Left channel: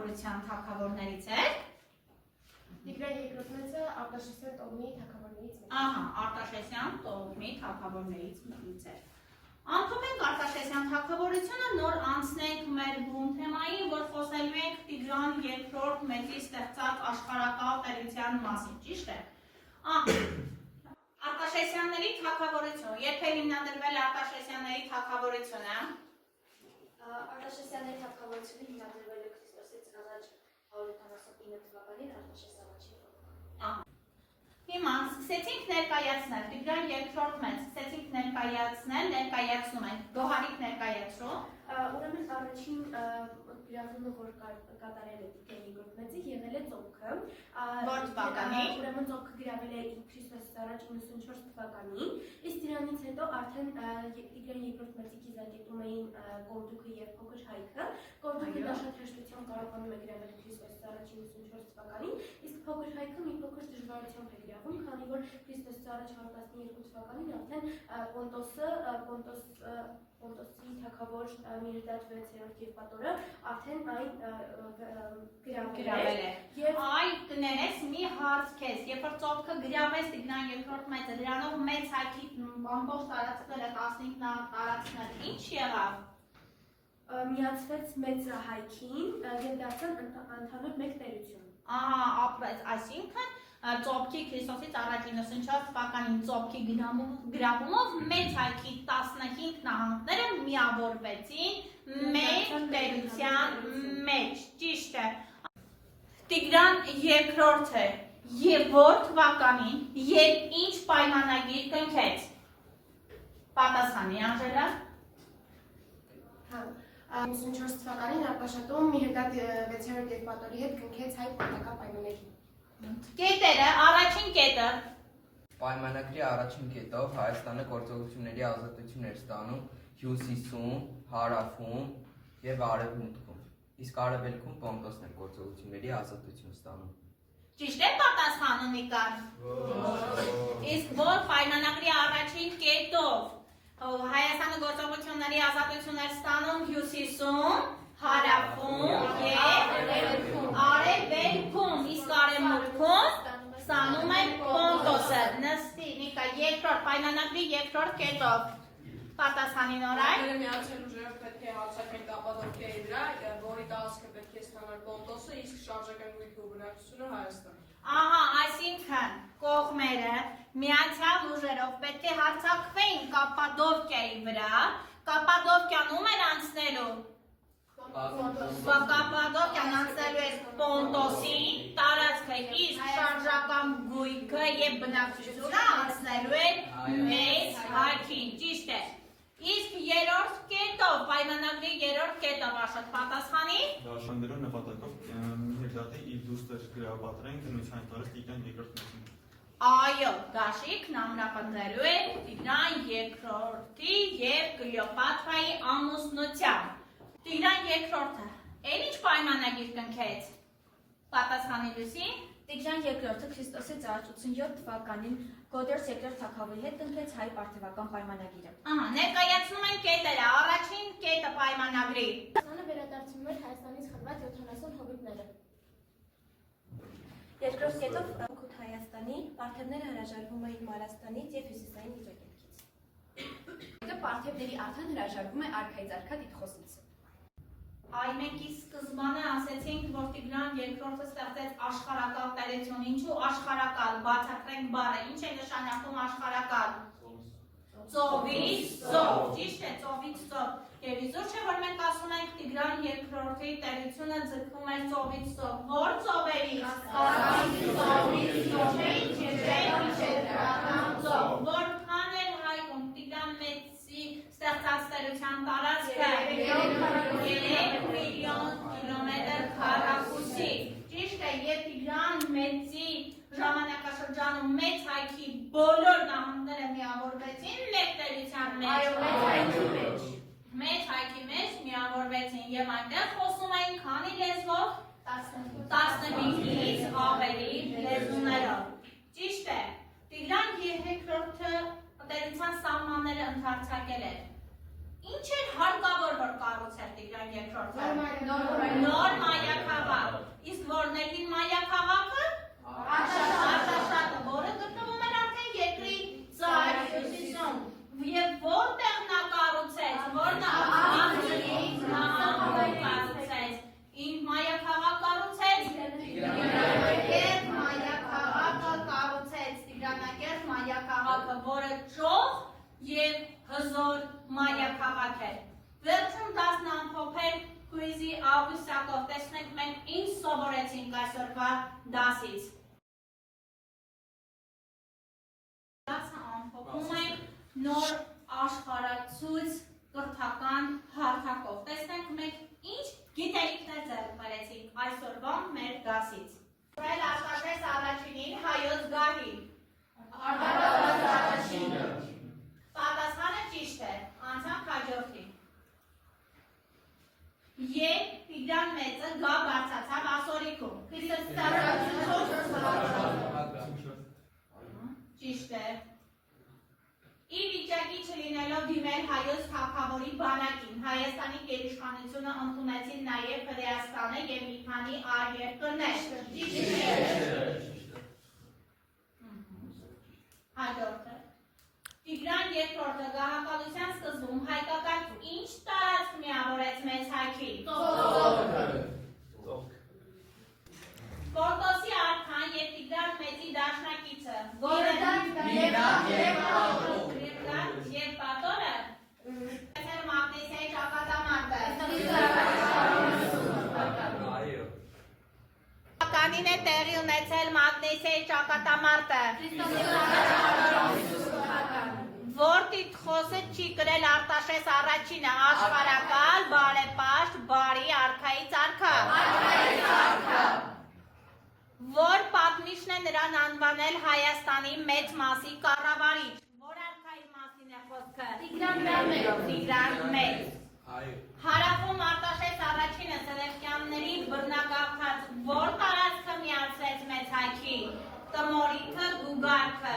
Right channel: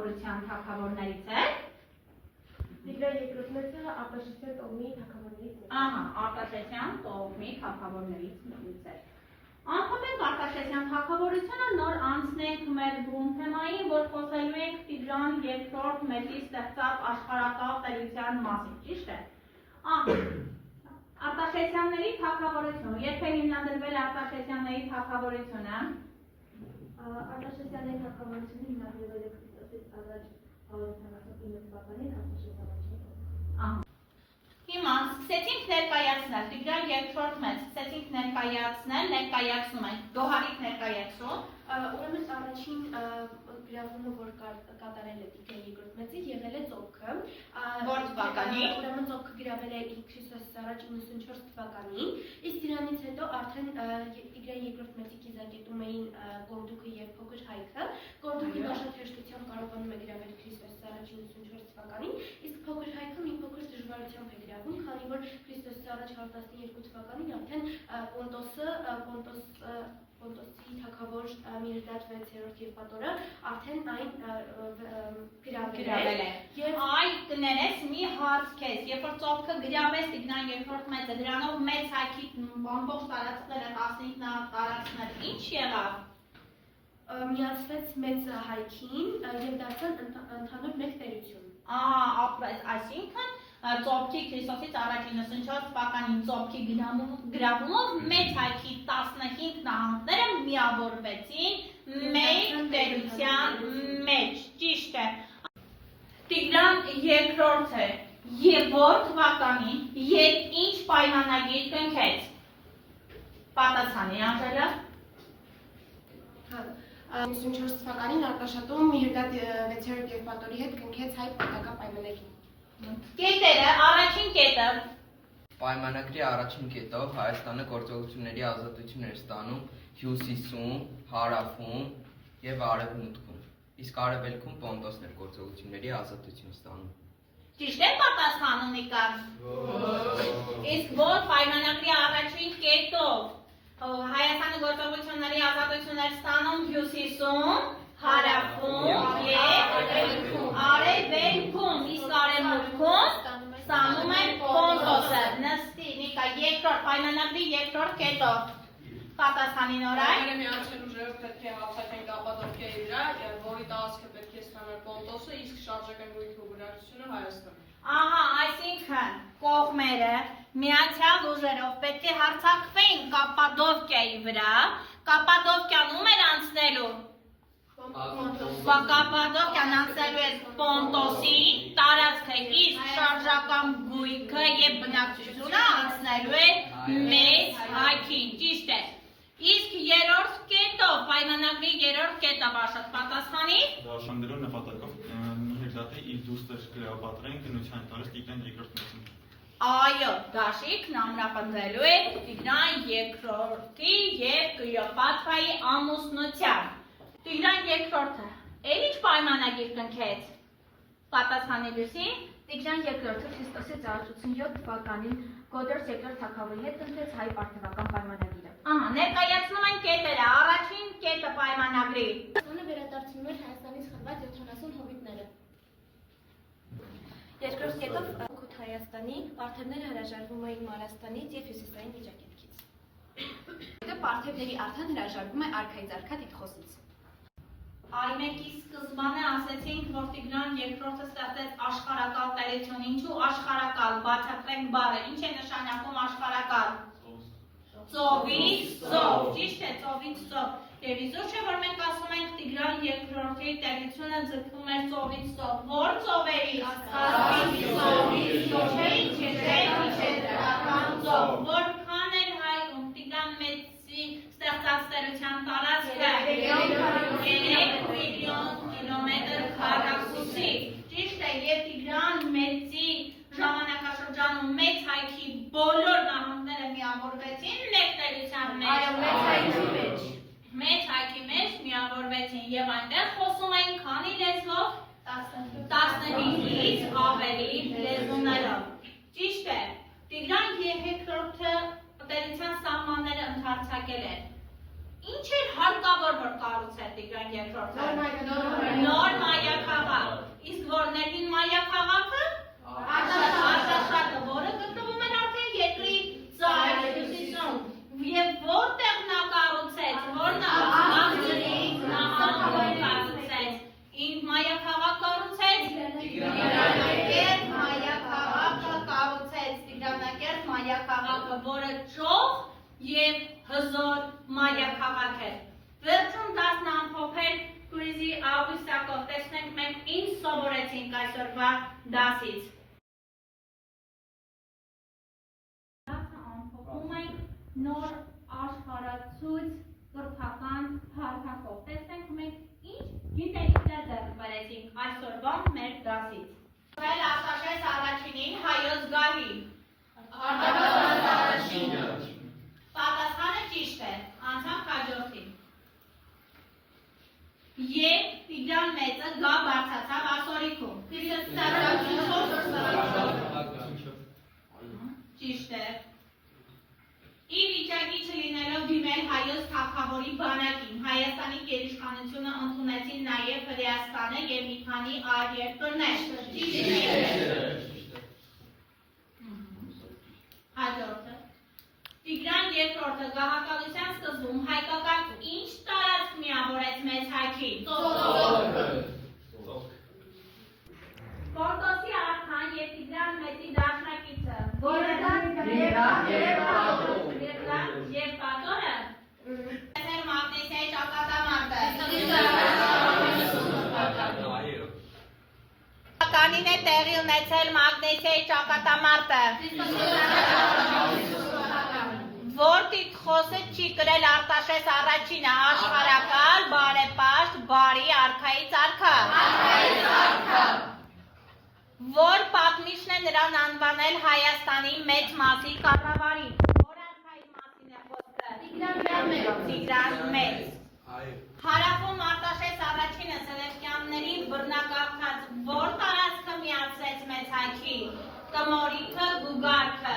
թագավորության թագավորներից էր։ Տիգրան երկրորդը Արտաշեսյան տոհմի թագավորներից մեկն է։ Ահա, Արտաշեսյան տոհմի թագավորներից մեկից էր։ Անդրադենք Արտաշեսյան թագավորությունը, նոր անցնենք մեր բուն թեմային, որ խոսելու ենք Տիգրան երկրորդ մեծի ստեղծած աշխարհակալ տերության մասին, ճիշտ է։ Արտաշեսյանների թագավորությունը, երբ է հիմնադրվել Արտաշեսյանների թագավորությունը։ Արտաշեսյանների թագավորությունը հիմնադրվել է Քրիստոսից առաջ 179 թվականին Արտաշես առաջին։ Հիմա սկսեցինք ներկայացնել Տիգրան երկրորդ մեծ, սկսեցինք ներկայացնում ենք, Գոհարիկ ներկայացրու։ Ուրեմն առաջին գրավումը, որ կատարել է Տիգրան երկրորդ մեծը, եղել է ծոփքը։ Որ թվականի։ Ուրեմն ծոփքը գրավել է Քրիստոսից առաջ 94 թվականին, իսկ դրանից հետո արդեն Տիգրան երկրորդ մեծի կիզակետում էին Կոնդուկը եւ Փոքր Հայքը։ Կոնդուկը դա շատ հեշտությամբ կարողանում է գրավել Քրիստոսից առաջ 94 թվականին, իսկ Փոքր Հայքը մի փոքր դժվարությամբ է գրավում, քանի որ Քրիստոսից առաջ 112 թվականին արդեն Պոնտոսի թագավոր Միրդատ 6-րդ Եվպատորը արդեն այն գրավել է։ Այ կներես մի հարց քեզ, երբ որ ծոփքը գրավեց Տիգրան երկրորդ մեծը, դրանով մեծ հայքի ամբողջ տարածքները 15 տարածքներ ինչ եղավ։ Միացվեց մեծ հայքին եւ դարձան ընդհանուր մեկ տերություն։ Այսինքն ծոփքի Քրիստոսից առաջ 94 թվականին ծոփքի գրավումով մեծ հայքի 15 նահանգները միավորվեցին մեկ տերության մեջ, ճիշտ է։ Տիգրան երկրորդը եւ որ թվականին եւ ինչ պայմանագիր կնքեց։ Պատասխանի Անժելա։ 94 թվականին Արտաշատում Միրդատ 6-րդ Եվպատորի հետ կնքեց հայ պետական պայմանագիր։ Կետերը, առաջին կետը։ Պայմանագրի առաջին կետով Հայաստանը գործողությունների ազատություն էր ստանում հյուսիսում, հարավում եւ արևմուտքում, իսկ արևելքում Պոնտոսն էր գործողությունների ազատություն ստանում։ Ճիշտ է պատասխանը Նիկար։ Իսկ որ պայմանագրի առաջին կետով Հայաստանը գործողությունների ազատություն էր ստանում հյուսիսում, հարավում եւ արևելքում, իսկ արևմուտքում ստանում է Պոնտոսը։ Նստի Նիկա, երկրորդ պայմանագրի երկրորդ կետով։ Պատասխանի Նորայ։ Միացյալ ուժերով պետք է հարձակվեն Կապադոկիայի վրա, որի տարածքը պետք է ստանար Պոնտոսը, իսկ շարժական գույքի ու բնակչությունը Հայաստանը։ Ահա, այսինքն կողմերը միացյալ ուժերով պետք է հարձակվեն Կապադոկիայի վրա, Կապադոկիան ում էր անցնելու։ Կապադոկիան անցնելու էր Պոնտոսի տարածքը, իսկ շարժական գույքը եւ բնակչությունը անցնելու էր մեծ հայքին, ճիշտ է։ Իսկ երրորդ կետով, պայմանագրի երրորդ կետով Աշոտ պատասխանի։ Դաշնագրու նպատակով Միրդատը իր դուստր գրապատրեն քննության տարած Տիգրան երկրորդ մեծին։ Այո, Դաշիկն ամրապնդելու է Տիգրան երկրորդի եւ Կլեոպատրայի ամուսնության։ Տիգրան երկրորդը էլ ինչ պայմանագիր կնքեց։ Պատասխանի Լուսի։ Տիգրան երկրորդը Քրիստոսից առաջ 87 թվականին Գոդորս երկրորդ թագավորի հետ կնքեց հայ պարթևական պայմանագիրը։ Ահա, ներկայացնում են կետերը, առաջին կետը պայմանագրի։ Հայաստանը վերադարձնում էր Հայաստանից խլված 70 հովիտները։ Երկրորդ կետով Օգուտ Հայաստանի պարթևները հրաժարվում էին Մարաստանից եւ հյուսիսային Վիճակետքից։ Հետո պարթևների արդեն հրաժարվում է արքայից արքա Տիտխոսից։ Այ մենք սկզբանե ասեցինք, որ Տիգրան երկրորդը ստեղծեց աշխարհակալ տերություն։ Ինչու աշխարհակալ, բացատրենք բառը, ինչ է նշանակում աշխարհակալ։ Ծովից ծով, ճիշտ է, ծովից ծով։ Եվ իզուր չէ, որ մենք ասում ենք Տիգրան երկրորդի տերությունը ձգվում էր ծովից ծով։ Որ ծովերից։ Կասպից ծովից, ծով։ Որքան էր հայում Տիգրան մեծի ստեղծած տերության տարածքը 3 միլիոն կիլոմետր քառակուսի։ Ճիշտ է, եւ Տիգրան մեծի ժամանակաշրջանում մեծ հայքի բոլոր նահանգները միավորվեցին մեկ տերության մեջ։ Մեծ հայքի մեջ միավորվեցին եւ այնտեղ խոսում էին քանի լեզվով 15-ից ավելի լեզուներով։ Ճիշտ է, Տիգրան երկրորդը տերության սահմանները ընդարձակել էր։ Ինչ էր հարկավոր որ կառուցեր Տիգրան երկրորդը։ Նոր մայրաքաղաք, Իսկ որներին մայրաքաղաքը Արտաշատը, որը գտնվում էր արդեն երկրի ծայր հյուսիսում։ Եվ որտեղ նա կառուցեց, որ նա աղջրից նահանգում կառուցեց, ինչ մայրաքաղաք կառուցեց, Տիգրանակերտ մայրաքաղաքը կառուցեց, Տիգրանակերտ մայրաքաղաքը, որը ճոխ եւ հզոր մայրաքաղաք է։ Վերջում 10 ամփոփել քույզի Աուգուստակով տեսնենք մենք ինչ սովորեցինք այսօրվա դասից։ Դասը ամփոփում ենք նոր աշխարհացույց կրթական հարթակով։ Տեսնենք մենք ինչ գիտելիքներ ձեռք բերեցինք այսօրվա մեր դասից։ Ել Արտաշես առաջինին հայոց գահի։ Պատասխանը ճիշտ է, անցանք հաջորդին։ Եվ Տիգրան մեծը գա բարձացավ ասորիքում։ Ճիշտ է։ Ի վիճակի չլինելով դիմել հայոց թագավորի բանակին, Հայաստանի գերիշխանությունը ընդունեցին նաև Հրեաստանը և մի քանի այլ երկրներ։ Ճիշտ է։ Հաջորդը։ Տիգրան երկրորդը գահակալության սկզբում հայկական ինչ տարածք միավորեց մեծ հայքի։ Պորտոսի արքան և Տիգրան մեծի դաշնակիցը, որը և պատորը, մագնեսիայի ճակատամարտը։ Կանին է տեղի ունեցել մագնեսիայի ճակատամարտը։ Որ տիտղոսը չի կրել Արտաշես առաջինը, աշխարհակալ, բարեպաշտ, բարի արքայից արքա։ Որ պատմիչն է նրան անվանել Հայաստանի մեծ մասի կառավարիչ։ Որ արքայի մասին է խոսքը։ Տիգրան Մեծ։ Հարավում Արտաշես առաջինը Սելևկյանների բռնակալքած որ տարածքը միացրեց մեծ հայքի։ Տմորիքը, Գուգարքը։